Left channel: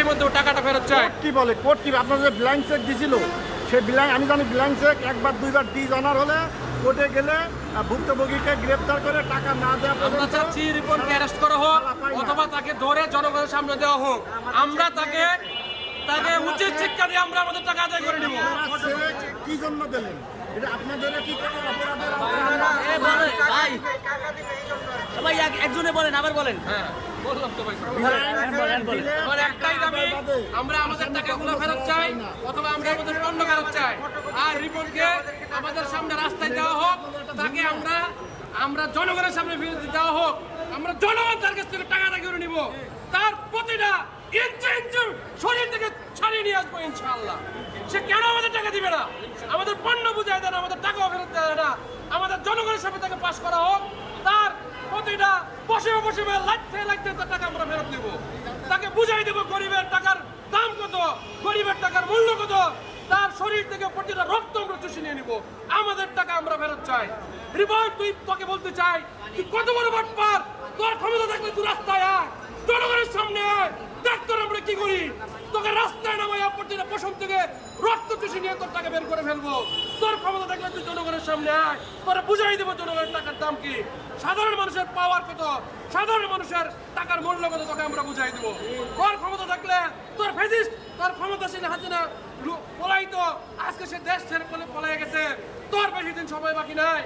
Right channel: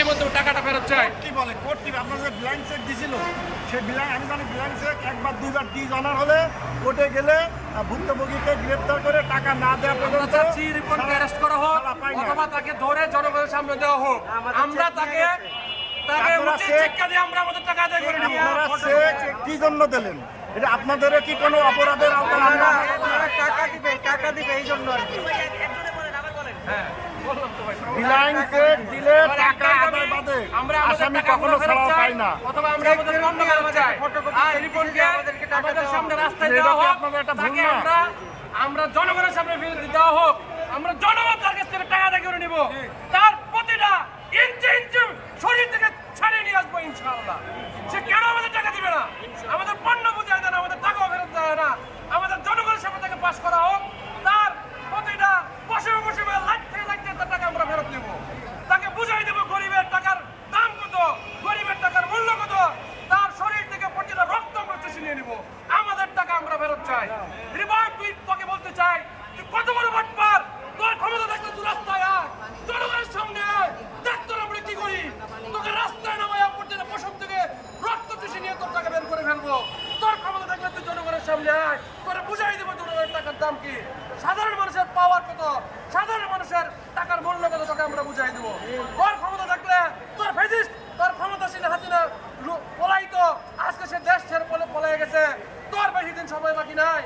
মাসের মধ্যে টাকাটা ফেরত চাই। কি বলে কোর্ট কি আপনাদের ব্ল্যাঙ্ক চেক দিছিল, সেই ব্ল্যাঙ্ক আমি জানি ব্ল্যাঙ্ক চেক একবার দুইবার ডিজনার হলে কোর্টে গেলে ভুক্তভোগীকে গ্রেফতার করে টাকা না দেওয়া পর্যন্ত রিপনকে অ্যারেস্ট করা হোক অথবা তাকে ধরে জনগণের সামনে দেওয়া হোক, আমরা তাকে উচিত শিক্ষা দিয়ে আমরা আমাদের টাকা আদায় করে নেব। আপনারা চেক কি জন্য দিলেন? এটা আপনাদের কি কোনো অপরাধের আওতায় আনবে? একজনে বলেন আবার বলেন। হ্যাঁ বললাম তো ভাই, ব্ল্যাঙ্ক চেক দিলে টাকা আদায় বাদে আমরা আমাদের আসামি টাকা কখনো ফেরত ছাড়া চাই পায় না। অথবা আমরা আমাদের পণ্য ফেরত চাই। আর রিপনকে আমাদের সামনে রাস্তায় দেওয়া হোক, তাকে আমরা জনগণের সামনে ফেরত দেওয়া হোক, আমরা জনগণ তার কাছ থেকে টাকা আদায় করে নিব, তার প্রতিটা ইঞ্চি ইঞ্চি শরীর থেকে ছাড়িয়ে নিয়ে আসবো ইনশাআল্লাহ। সে কেন আমাদের টাকা দিবে না? আমাদের পণ্য বুঝায় দেয় না, আমাদের টাকাও ফেরত দেয় না। আমাদের জনগণের সামনে তাকে পাস করা হোক, তার প্রতিটা বসে বসে লাগতে তার টাকা আমরা ফেরত নেব। তাকে বুঝাই দেবো গরিবের টাকার দাম কত, গরিবের টাকার মূল্য কত, তার শরীর থেকে প্রতিটা রক্ত আমরা চুষে নিয়ে নিব। আমাদের টাকা আমরা ফেরত চাই। রিপন তোকে বলতে চাই, তুই কত বড় বাটপার, তোর ক্ষমতা থাকলে তুই রাস্তায় আয়, জনগণের সামনে আয়, দেখ তোর আমরা কি করি। তোকে রাস্তায় নামায় প্রতিটা পশম থেকে রক্ত চুষে নিয়ে তোর টাকা বের করে ফেলবো। তোর ক্ষমতা থাকলে তুই জনগণের সামনে আয়, তোরা বুঝাই দেবো জনগণের টাকার দাম কি, সাধারণ মানুষের পাওয়ার কত, সাধারণ মানুষের টাকার মূল্য কত, তোকে আমরা বুঝাই দেবো। তোর ক্ষমতা থাকলে তোর ফেসিস্ট, তোর ক্ষমতাসীন হাসিনা পলাইত, আজকে সে দেশ ছেড়ে পলাই গেছে, তোর বেশি দিন সময় বাকি নাই।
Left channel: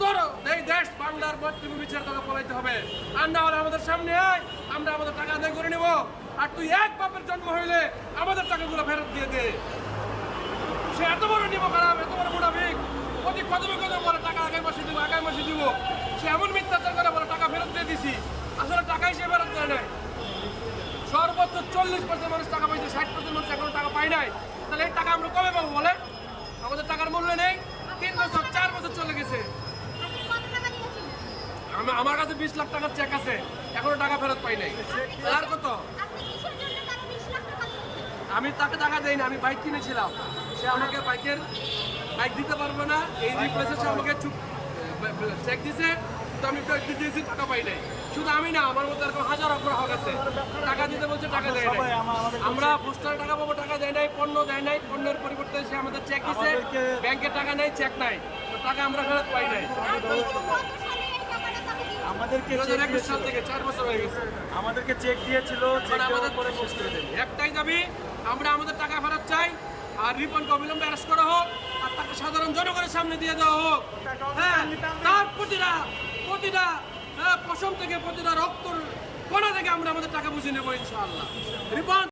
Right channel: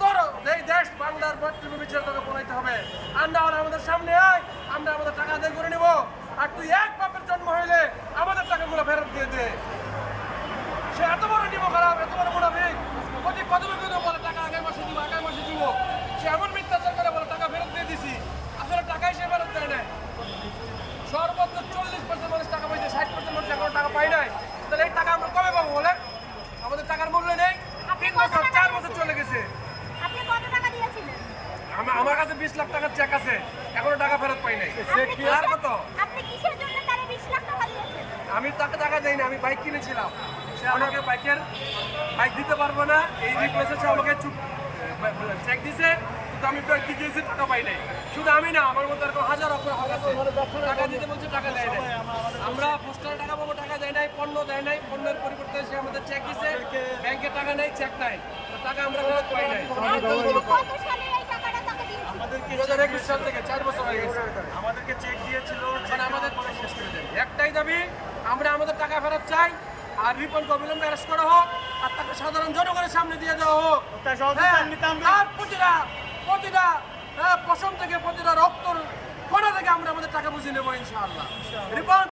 তোর এই দেশ বাংলার মাতৃভূমি ছেড়ে তোকে পলাইতে হবে। আর না হলে আমাদের সামনে আয়, আমরা আমাদের টাকা আদায় করে নেব। আর তুই এক বাপের জন্ম হইলে আমাদের টাকাগুলো ফেরত দিয়ে দে। সে এত বড় নিব খারাপ, এত বড় মুনাফিক, প্রতি কদমে কদমে বলে টাকা আগামী মাসে দিব, আগামী মাসে দিব। সে এমন মিথ্যাচার করে বলে টাকা ফেরত দিয়ে দিছি, আসলে টাকাই সে ফেরত দেয় না। সর্বোচ্চ 40% মানুষ টাকা পাইছে, 60% মানুষ এখনো টাকা পাই নাই। তাহলে এই টাকা আমরা কবে পাবো বলে? আমাদের টাকার মূল্য নেই। 3 বছর 4 বছর চলে গেছে। আমার কাছে 20 লাখ টাকার চেক আছে, এখনো টাকা ফেরত পাই নাই। আর কত? আমি তাকে টাকা দেই না, আমি বাইক কিনেছিলাম, সে আমাকে বাইক দিতে পারবো না, এই রিপ্লেসে সে আমাকে চেক দিছে, কিন্তু আমি কি দিয়েছি টাকা পাই নাই। শুধু আমি না, আমার মধ্যে এরকম হাজার গ্রাহক আছে, টাকা দিতে বলছে টাকা দেয় নাই। আমরা পোস্টারে টাকা পাবো, টাকা দেয় নাই, পণ্য দেয় নাই, পণ্যের পরিবর্তে সে আমাদের চেক দিছে, ব্যাংকে টাকা নেই, চেক নাই, তো টাকা আমরা ফেরত পাই নাই। 2021 সাল থেকে 4 বছর হয়ে গেছে। আমাদেরকে চেক দিয়েছিল, মানে আমাদের পরে শেষ করে দেন। একটাই দাবি, আমরা আমাদের টাকা ফেরত চাই, আর রিপনকে অবিলম্বে অ্যারেস্ট করা হোক, আর তাকে সাধারণ জনগণের সামনে দিয়ে দেওয়া হোক। তার প্রতিটা পশম থেকে, প্রতিটা রক্তর কণা থেকে আমরা আমাদের টাকা বুঝে নেবো ইনশাআল্লাহ। রিপন